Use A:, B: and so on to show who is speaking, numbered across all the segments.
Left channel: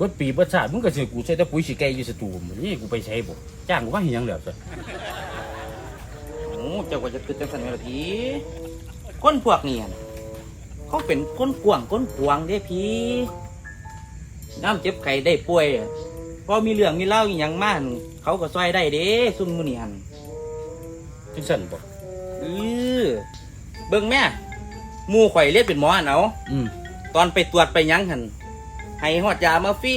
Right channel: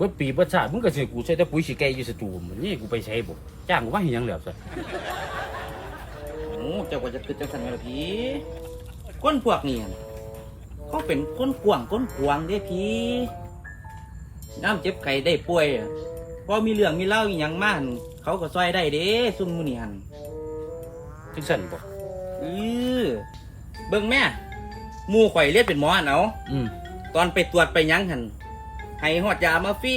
A: บิดปีเบิดชาติมึงก็สิกูใช้แต่ปุ๋ยสิไก่อยู่สตูมันนี่กูไปใช้บ่จ้างกูว่าเฮ็ดหยังแล้วซะ
B: โอ้เจ้าก็จะคือจังสันแม่ละพี่คนพวกนี้หั่นเขาเป็นคนกวางคนกวางเด้พี่ น้ำเจ็บไข้ได้ป่วยอะพอมีเรื่องมีเล่าอหย่างมากเขาก็ซอยได้เด้ซุ่มมือนี่หัน
A: จังซั่นบ่
B: เออเบิ่งแม่หมู่ข่อยเรียกเป็นหมอหั่นเอา
A: อืม
B: ตอนไปตรวจไปหยังหัน ให้ฮอดยามาฟรี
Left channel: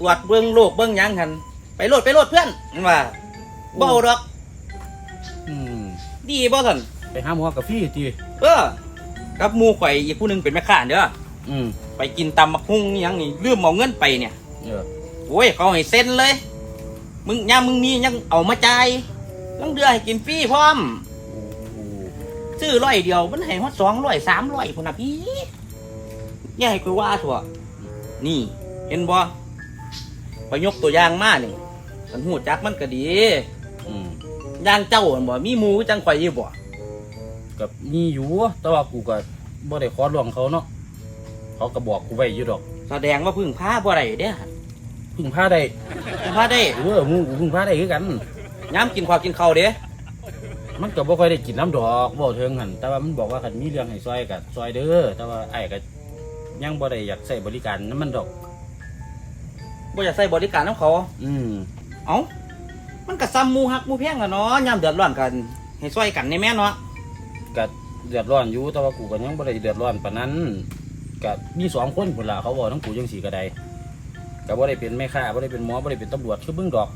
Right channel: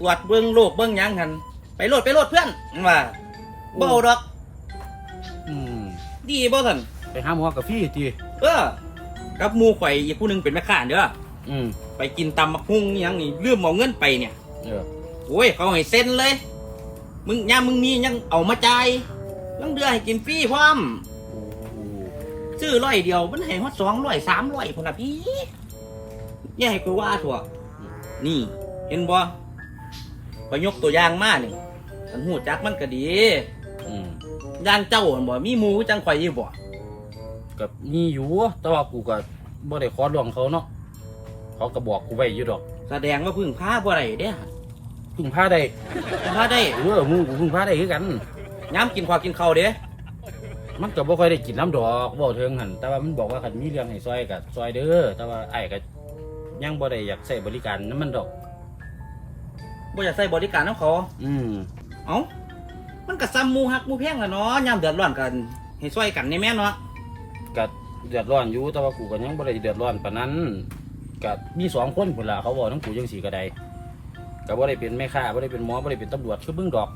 B: ตรวจเบิ่งโรคเบิ่งหยังหันไปโลดไปโลดเพื่อนมันว่าบ่เอาดอก
A: อืม
B: ดีบ่ท่าน
A: ไปหาหมอกาแฟติ
B: เออกับหมู่ข่อยอีกผู้หนึงเป็นแม่ค้าเด้อ
A: อืม
B: ไปกินตำบักหุ่งอิหยังนี่ลืมเอาเงินไปเนี่ย
A: เออ
B: โอ้ยเขาให้เซ็นเลย มึงยามมึงมียังเอามาจ่ายลังเดือให้กินฟรีพร้อม
A: โอ้โห
B: ซื้อร้อยเดียวมันให้ฮอดสองร้อยสามร้อยพุ่นน่ะพี่อย่าให้กูว่าถั่ว นี่ เห็นบ่ไปยกตัวอย่างมาหนึ่งมันหูจักมันก็ดี
A: อืม
B: อย่างเจ้าหั่นบ่ มีหมูจังข่อยอยู่บ่
A: ก็มีอยู่แต่ว่ากูก็บ่ได้ขอร้องเขาเนาะเขาก็บอกกูไว้อยู่ดอก
B: แสดงว่าพึ่งพาบ่ได้เด้อ
A: พึ่งพาได้
B: พึ่งพาได้
A: เออหมูกูพึ่งพาได้คือกัน
B: ยามกินข้าวกินข้าวเด้
A: มันก็บ่ค่อยได้กินน้ำดอกบ่เทิงหันแต่ว่ามันบอกว่าคันมีเรื่องให้ซอยก็ซอยเด้อแต่ว่าไอ้ก็ ยังบ่ได้อยากใช้บริการนํมันดอก
B: บ่อยากใส่บริการน้ำเขา
A: อืม
B: เอ้า มันก็ซ้ำหมูฮักหมูแพงล่ะเนาะยามเดือดร้อนกันให้ช่วยกันในแม่เนาะ
A: ก็เดือดร้อนอยู่แต่ว่ากูก็ยังบ่ได้เดือดร้อนปานนั้นก็มีสองคนพุ่นล่ะเขาบอกทั้งกูจังสีก็ได้ก็บ่ได้เป็นแม่ค้าบ่ได้เป็นหมอบ่ได้เป็นตำรวจคือเบิ่งดอก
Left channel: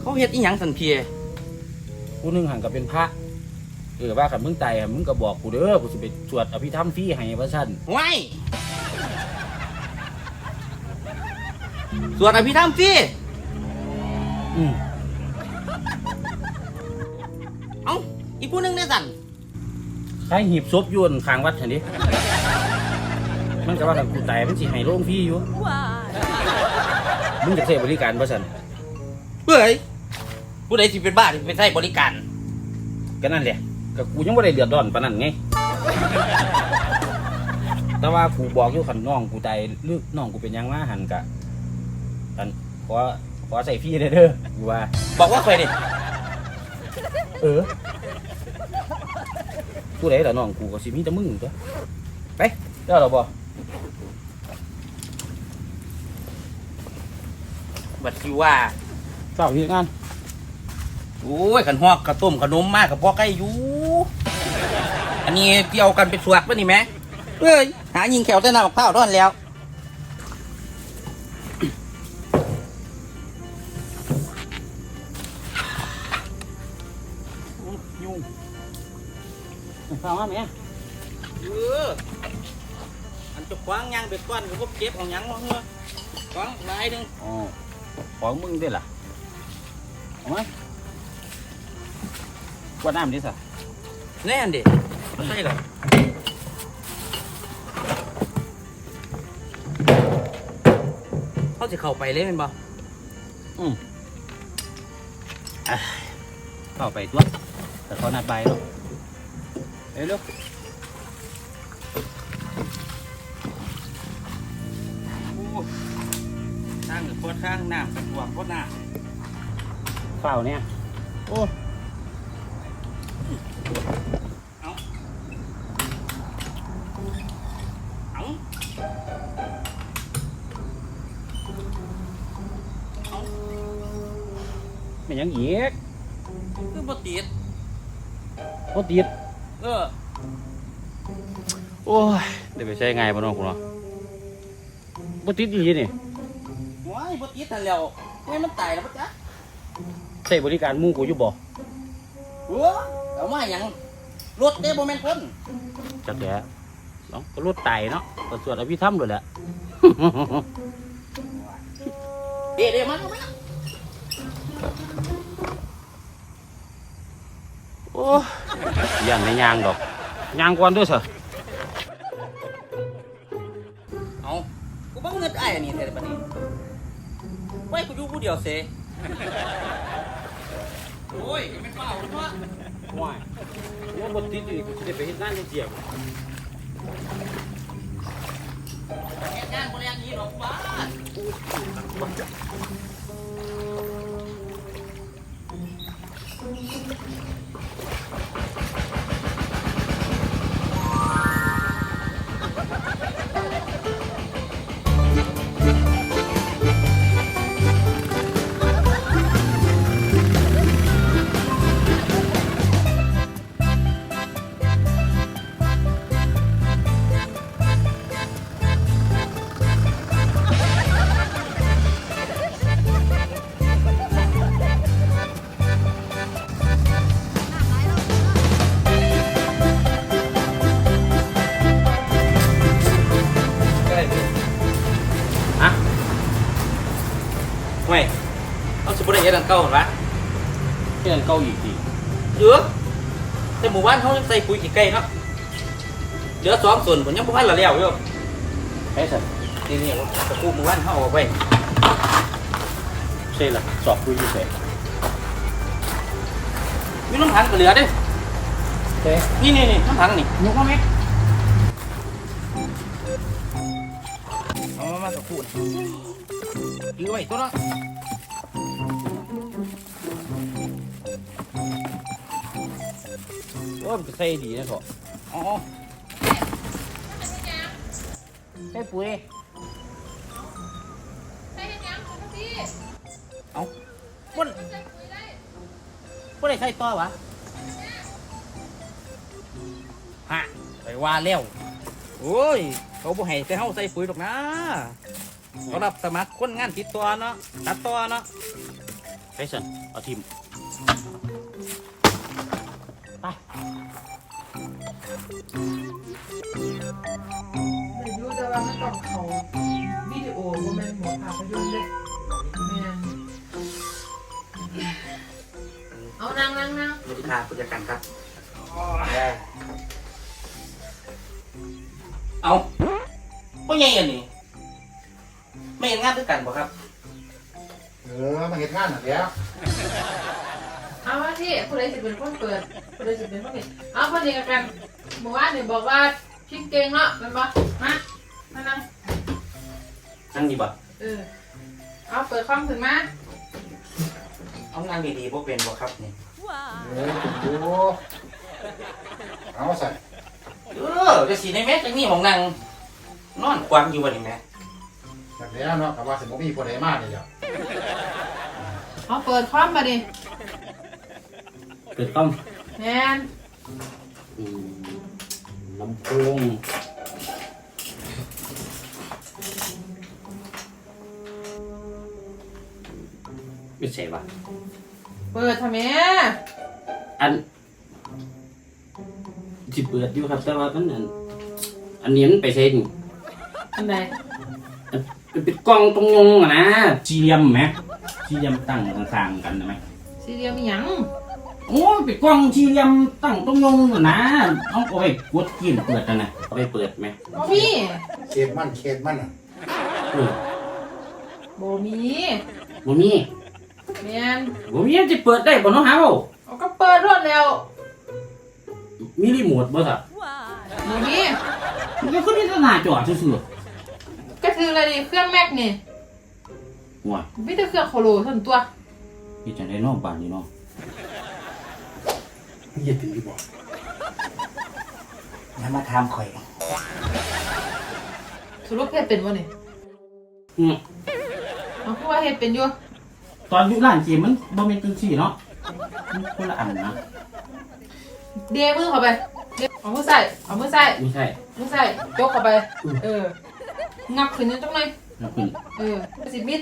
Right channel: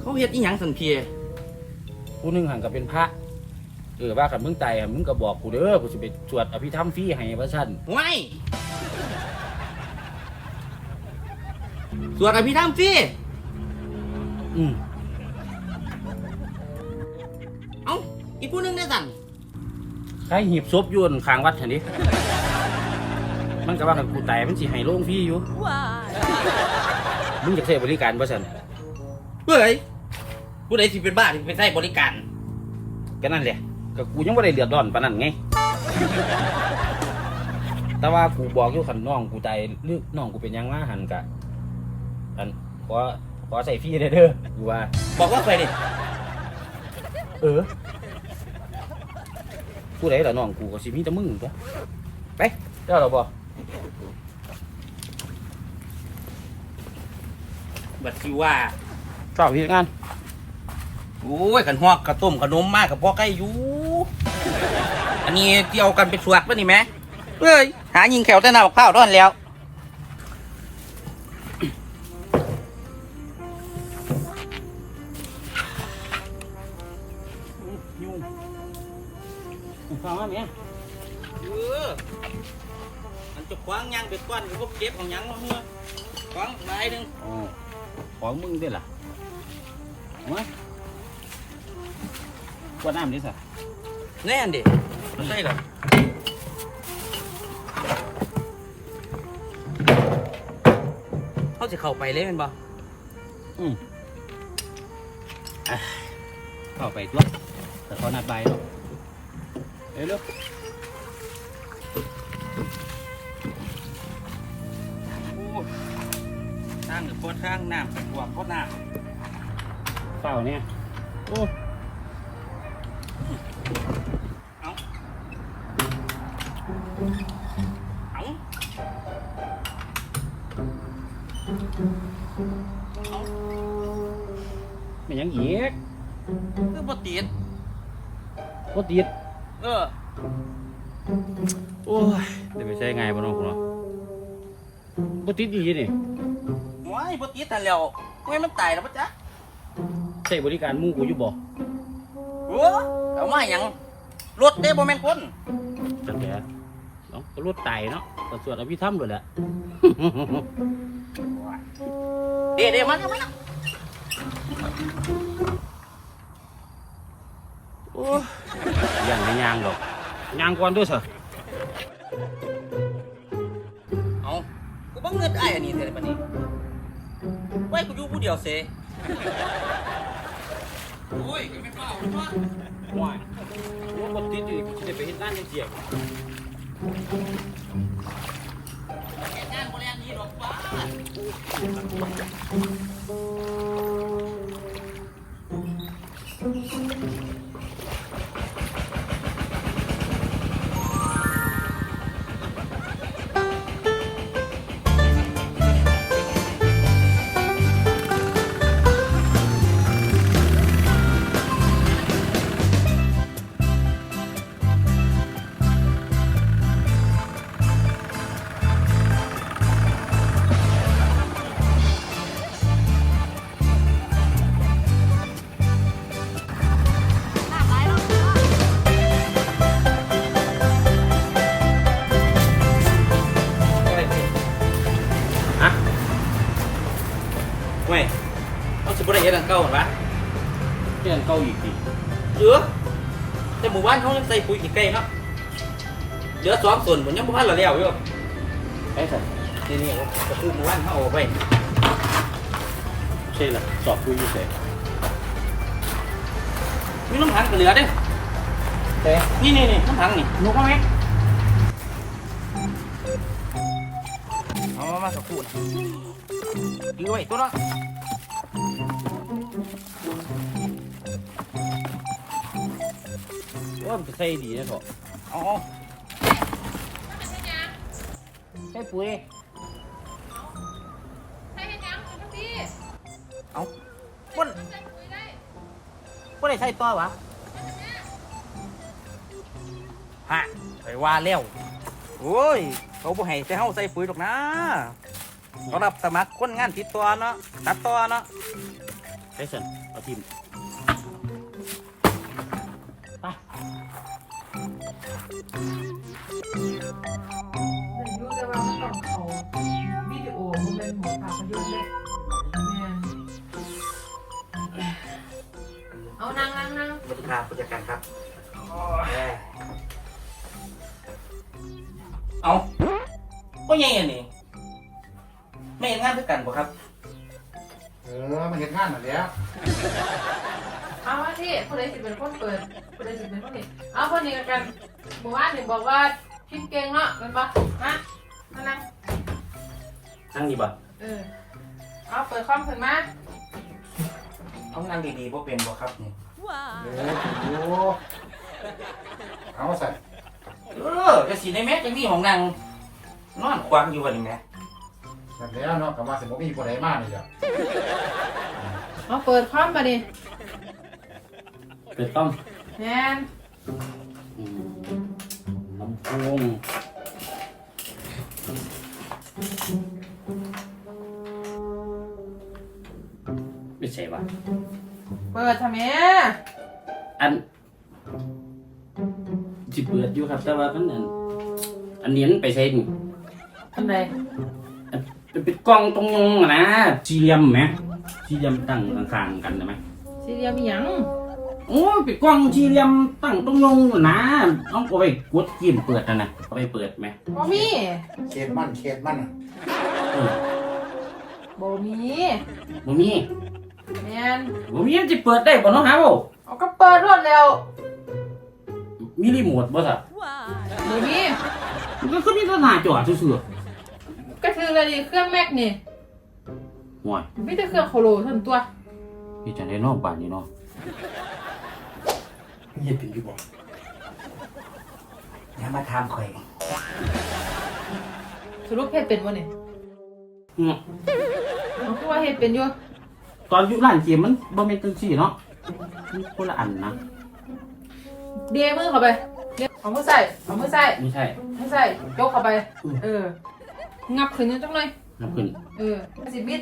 B: เขาเฮ็ดอีหยังสันเพีย
A: ผู้หนึงหันก็เป็นพระ เออว่าคันมึงตายอะมึงก็บอกกูเด้อกูสิไปสวดอภิธรรมฟรีให้ว่าซั่น
B: ว้ายตรวจอภิธรรมฟรี
A: อืม
B: เอ้าอีกผู้หนึงเนี่ยสัน
A: ใครหีบศพอยู่อั่นข้างวัดหั่นดิมันก็ว่าคันกูตายมันสิให้โรงฟรีอยู่มึงจะใช้บริการบ่ซั่น
B: เฮ้ยผู้ใดสิเป็นบ้าที่ไปใช้บริการ
A: ก็นั่นแหละ ก็กูยังบ่ได้เดือดร้อนปานนั้นไง แต่ว่ากูบอกอยู่คันน้องกูตายหรือน้องกูเป็นหยังมาหันกะอันขอขอใส่ฟรีเด้อเด้อกูว่า
B: บอกว่าเคยดิ
A: เออผู้ใดล่ะน้องกูก็สิมีแต่มึงตัวไปเจ้าเราบ่
B: บัดสิว่า
A: ชอบเฮ็ดงาน
B: โอ้ยขันหอกกระต้มขนมมากกับพ่อใกล้อยู่อันนี้เกี่ยวกันเป็นสวกป่ะนี่แม่เอ้ยหายิงแขวแต่หน้าบักเผาวด้อนแล้ว
A: ยุ่งฟังว่าแม่
B: เอออันจะคว้างยางเบ็ดก้อนกับพวกเก็บของหยังวะเฮ้อคว้างหลายหนึง
A: อ๋อของมึงได้ล่ะเอามา กวดน้ำดิสะ
B: แน่นดิไม่ใช่หรอเขาจะเข้าไปเลยแมันบ่
A: เข้าไปตัวแต่เขานัดใบายแล้วเร็วเร็ว
B: โอ้ทางหรือโคตรข้างน้ำเป็นห่วงโคตรน้
A: เปล่าเนี่ย โอ้
B: เอาเอา
A: ไม่ยังเหยียก
B: คือบ่ติด
A: ก็ติด
B: เออ
A: โอ้ยเดี๋ยวไปใช้ไงบ้าน้องคุณเนาะบ่ติดอีนี่
B: ว้ายบ่ติดนั่นแล้วไม่มันตายแล้วปะจ๊ะ
A: ใช้บริการมู่กูอยู่บ่
B: โอ้เอามาหยังรถเด้บ่แม่นคน
A: จักแก เนาะก็รถไตเนาะก็สวดอภิธรรมเลยแหละ
B: เด้เด้มาแล้วมา
A: โอ้ยอย่างไม่ยางดอกยางก่อนด้วยสิ
B: เอากูบ่เงินอ้ายอันนี้เท่าบัดนี้ไว้กูอยู่ผู้เดียวเสโอ้ยก็ไม่เปล่าเนาะ
A: ว้ายว่าบ่ติดอยู่กูสิได้ไปเฮ็ดงานจังซี่
B: เหตุ งานบ่แล่นหนี้หรอกบ้า สิบ่ได้เฮ็ดอันเก่าหั่นวะ
A: เพื่อนเก่าอีกที
B: เหลือแต่หมู่บ้านเขายังใส่ปุ๋ยกี่ไก่เนาะเหลือสองส่วนผมยังบ่ทันละแล้วอยู่
A: ใช่สัน
B: นี่นี่ตะกูหมู่บ้านเขาเอาไว้
A: ใช่ละสอบคุยอยู่เฉย
B: มีน้ำถังก็เหลือเด้
A: เฮ้
B: นี่นี่นี่น้ำถังนี่หนูเขาไหมเอามามาสักครู่นะยื้อไว้ตัวเนาะ
A: ว่ามันจะใส่ดีนะเถอะ
B: เอ๋อ
A: ใส่ปุ๋ย
C: ใส่เห็นยังคุณพี่
B: เอา
C: บนใส่ปุ๋ยได้
B: บ่ได้ใส่ต่อวะฮะไปว่าแล้วโอ้ย เขาบ่ให้แต่เฮาใส่ปุ๋ยหรอกนะเขารับสมัครคนงานติดตัวเนาะตัดต่อเนาะ
A: ใช่สันเอาทีม
D: ต้องเขาวิดีโอมันเป็นหมดภาพยนตร์เลยแม่นเอานั่งนั่งนั่ง
B: สวัสดีครับผู้จัดการครับได้เอาบ่ใหญ่อันนี้ไม่เห็นงานด้วยกันบ่ครับ
E: เออมาเห็นงานหมดแล้ว
D: เอาว่าที่คนใดสิเป็นคนเปิดคนใดสิเป็นคนเปิดเอาคนนี้กันหมู่บ้านหนึ่งบอกว่าพิมพ์เก่งเนาะเป็นปะฮะ
A: นั่งดีบ่
D: เออเอาเปิดคอมขึ้นมา
B: เอางานดีๆบ่เป็นบ่ครับนี่
E: เออดูเอาใส่
B: เออจะสีในแม็กจะมีของนางนอนควางอยู่วันนี้แม่
E: แบบนี้เนาะกับว่าสิบ่มีผู้ใดมานี่จ้ะ
D: เอาเปิดคอมมาดิ
A: เกิดต้อง
D: แม่น
A: อืมลำโพง ไม่ใช่ปะ
D: เปิดทำไม
A: อันที่เปิดอยู่ครับ แต่ว่ามันอันอันนี้มันไปใช่นี่
D: อันไหน
A: เป็นเป็นกล้องตรงยงอะนะสี่เหลี่ยมไหมสี่เหลี่ยมตั้งข้างๆกันใช่ไหม
D: สี่เหลี่ยมอีหยัง
A: โอ้ยเป็นกล้องสี่เหลี่ยมตั้งตรงยงอะนะต้องเอาไปกดกินเปิดนะนะเอาไปเปิดไหม
D: บ่มี
E: เขตมันเขตมันน่ะ
A: เออ
D: บ่มี
A: บ่มี
D: แม่น
A: บ่มีมันจะเปิดได้บ่เน้องหาบ่
D: เอาก็เปิดรวดแล้ว
A: มีรีโมทบ่สับ
D: บ่มี
A: มันก็ขึ้นที่หน้าจอซื่อ
D: ก็คืออะไรดิเครื่องแม็กนี่
A: ๆห่วย
D: ไม่ได้เครื่องโคโลเท่านั้นตัว
A: พี่จังได้เนอกบ้านนี่เนาะ
E: เงียบเป็นอยู่บ่
B: อย่ามาถามข่อย
D: สรุปเฮ็ดเป็นบ่นี่
A: อืม
D: เอาคือว่าเฮ็ดเป็นอยู่
A: ตอนอยู่ร้านเกมมันบ่แม่นจังซี่เนาะมันคนละอันนะ
D: เดมือเข้าไปเดเอามือใส่เอามือใส่
A: ไม่ใช่
D: มือใส่ยกเข้าไป เออ งับขึ้นนิดจังหน่อย
A: นะคุณ
D: เออสิบิด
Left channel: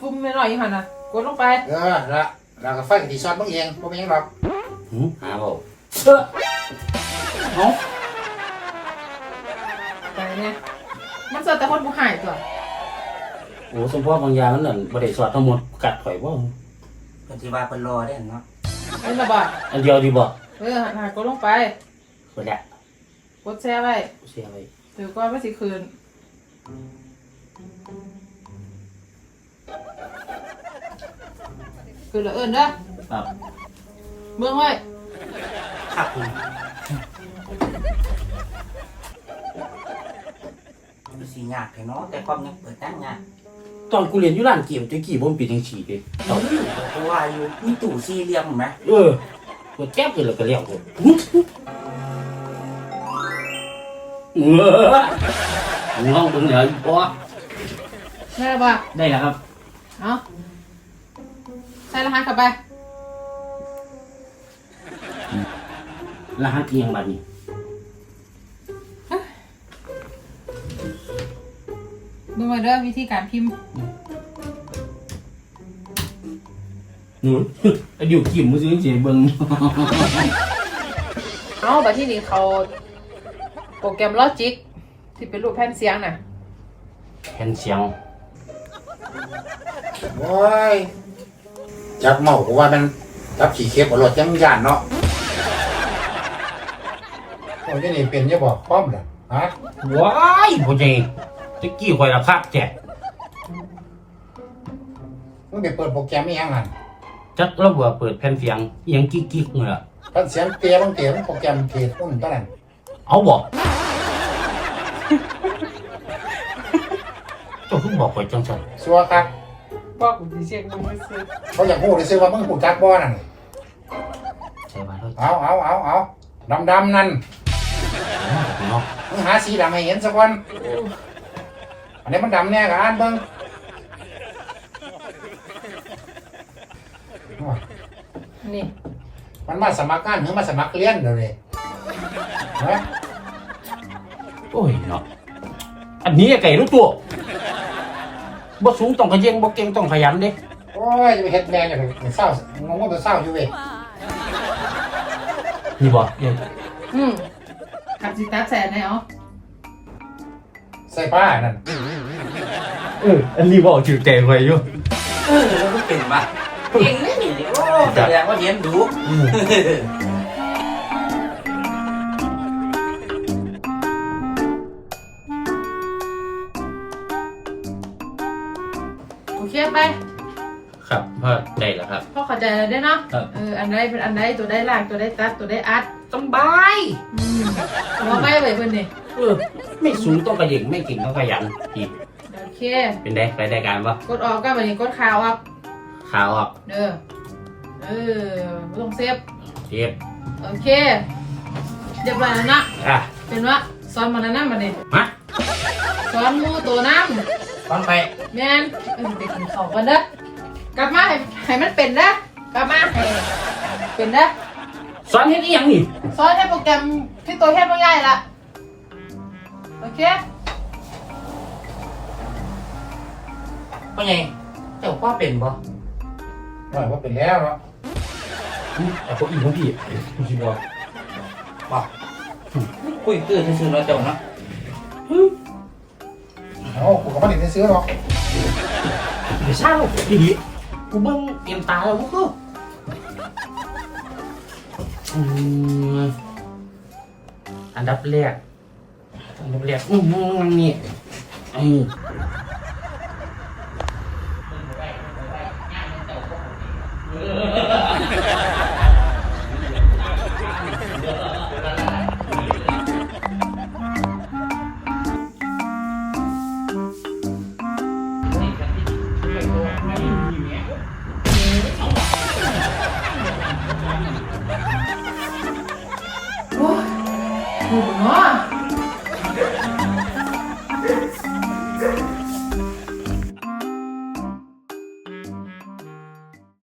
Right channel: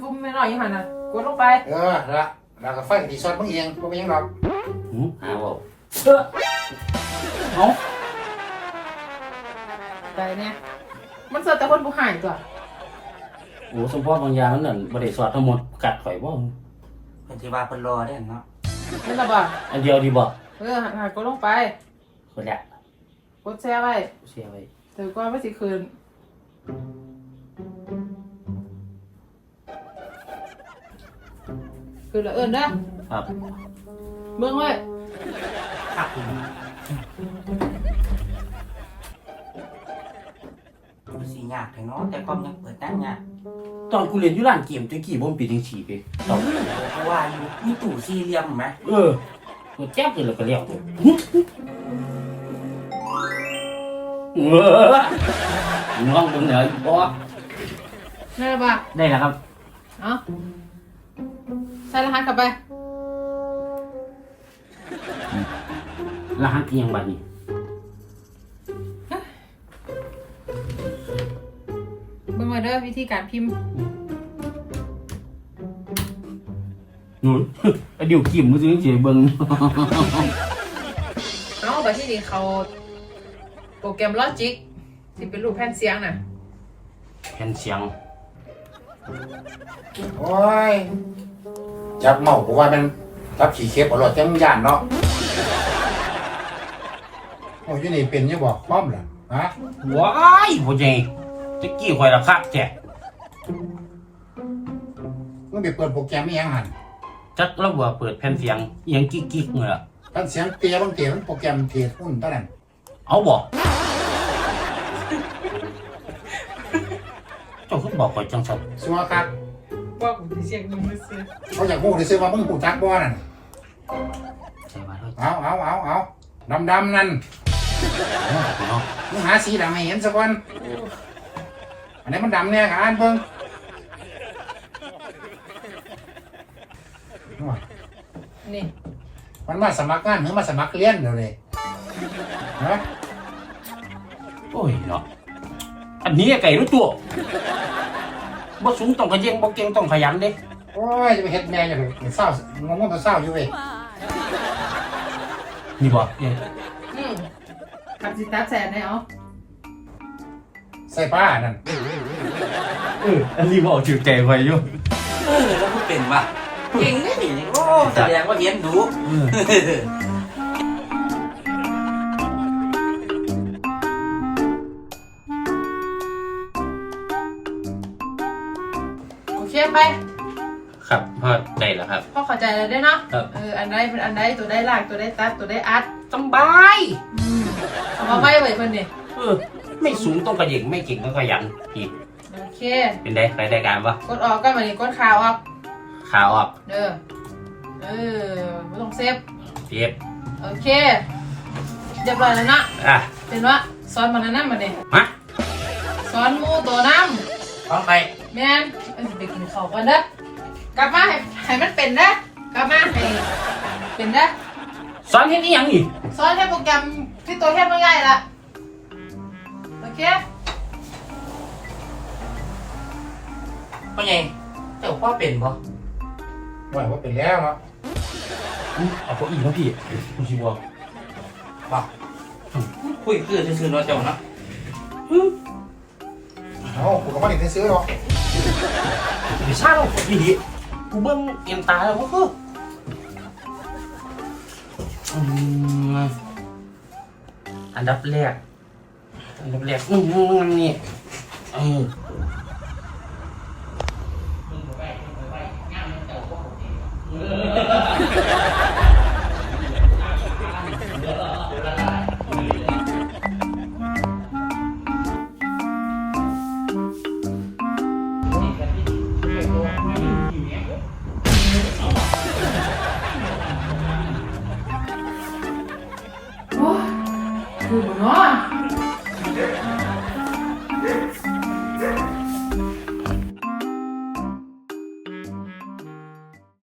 D: ปุ่มไม่หน่อยอยู่หั่นน่ะกดลงไป
E: เออละแล้วก็ไฟกที่ช็อตมึงเองบ่เป็นหยังหรอก
A: หือหาบ่เออเอา
D: ไปเนี่ยมันเสิร์ฟแต่คนผู้หายตัว
A: โอ้สมพ่อบางอยางมันนั่นบ่ได้สอดทั้งหมดกัดข่อยบ่
B: เพิ่นสิว่าเพิ่นรอได้เนาะ
D: เห็นบ่บ่
A: อันเดียวดีบ่
D: เออหันหันกดลงไป
A: เปิดแล้ว
D: กดแชร์ไว้
A: เสียไว้
D: เดี๋ยวก็ไม่สิคืน คืนละเอิญเด้อ
A: ครับ
D: เบิ่งไว้
B: ครับผม มันสียากเถอะเนาะแต่ความยังเปิดได้ยาก
A: ตอนกูเรียนอยู่ร้านเกมตะกี้บ่มันเป็นจังซี่เด้
B: เราเพราะว่าอยู่มีตู้สี่เหลี่ยมเห็นไหม
A: เออกูแจ๊บเลยแล้วก็เรียกกูเออน้องเบิ่งเหนืออีบ่
D: ได้แล้วป่ะ
A: ได้แล้วครับ
D: เอาใส่รหัสเข้าไป
A: รหัสอีหยังบัดนี้
D: เบิ่งมาเด้อวิธีการพิมพ์
A: หนูไอ้ดิวกิมมือซื้อสิเบิ่ง
D: เอาบัดที่นี่เขาโปรแกรมลอจิกที่เป็นรูปแผ่นเสียงน่ะ
A: แผ่นเสียง
E: โอ้ยจับเมาก็ว่ามันจับขี่เข็บเอารถจังย่านเนาะโอ้ยนี่เป็นจะบอกป้อมเหรอฮะ
A: ว้ายพ่อใหญ่ ตะกี้ข่อยละคักแจ๊ะ
E: มึงไปเปิดโปรแกรมอีหยังหั่น
A: จักระเบิดเปิดแผ่นเสียงอีหยังกิ๊กๆเนี่ยล่ะ
E: ท่านเสียงเตี้ยบางเตี้ยมันโปรแกรมเทศอุ่นตอนนั้น
A: เอาบ่เจ้าคือบอกข่อยจังซั่น
E: สัวคัก
D: บอกผมสิเสียงมึงซื้อ
E: เขาอยากพูดเลยซื้อว่ามึงหูจักบ่นั่น
A: ใช่ว่าเด้อ
E: เอาเอาเอาเอาดำดำๆนั่น
A: เนาะ
E: มึงหาสีดำให้เห็นสักวัน อันนี้มันดำแน่กับอ่านเบิ่ง
D: นี่
E: มันมาสมัครงานหรือมาสมัครเรียนเดี๋ยวนี้นะ
A: โอ้ยเนาะอันนี้ไก่รู้ตัวบ่สูงต้องขยันบ่เก่งต้องขยันเด้
E: โอ้ยเฮ็ดแม่งเลยเศร้ามึงก็ตัวเศร้าอยู่เว้ย
A: นี่บ่เดี๋ยว
D: อืมขับสิตัดแสนได้เหรอ
E: ใส่ป้านั่น
A: เอออันนี้บ่จืดแก่ไว้อยู่
B: เออเราก็เป็นป่ะเก่งนี่โอ้แสดงว่าเรียนรู้
D: โอเคไป
A: ครับพอได้แล้วครับ
D: พ่อเข้าใจแล้วได้เนาะ
A: ครับ
D: เอออันใดเป็นอันใดตัวได้ลากตัวได้ตัดตัวได้อัด
A: สบาย
D: อืมเอาไม่เลยเพิ่นนี่
A: เออไม่สูงต้องขยันไม่เก่งต้องขยันอีก
D: โอ เค
A: เป็นได้ไปรายการปะ
D: กดออกก็มานี่กดข่าวออก
A: ข่าวออก
D: เด้อเออบ่ต้องเซฟ
A: เทียบ
D: โอเคเดี๋ยวบัดนั้นนะ
A: อะ
D: เป็นว่าสอนบัดนั้นนะบัดนี้
A: มา
D: สอนหมูตัวน้ำ
A: ฟังไป
D: แม่นเออเด็กกินข้าวก่อนเด้อกลับมาให้ให้มันเป็นนะกลับมาให้เป็นนะ
A: สอนเฮ็ดอีหยังนี่
D: สอนให้โปรแกรมที่ตัวเทพง่ายๆละโอเค
B: พ่อใหญ่เจ้าพ่อเป็นบ่
E: ว่าว่าเป็นแล้วเนาะ
A: อุ๊ยเอาตัวอีกแล้วพี่คุณชิบอก
B: บ่คุยตื่นซื่อๆเนาะเจ้าเนาะ
E: เอากูก็ไม่ได้ซื้อหรอก
A: เดี๋ยวเศร้าดีดีกูเบิ่งเอียงตาแล้วก็คืออืมอันดับแรกอันดับแรกอืมนี่เออ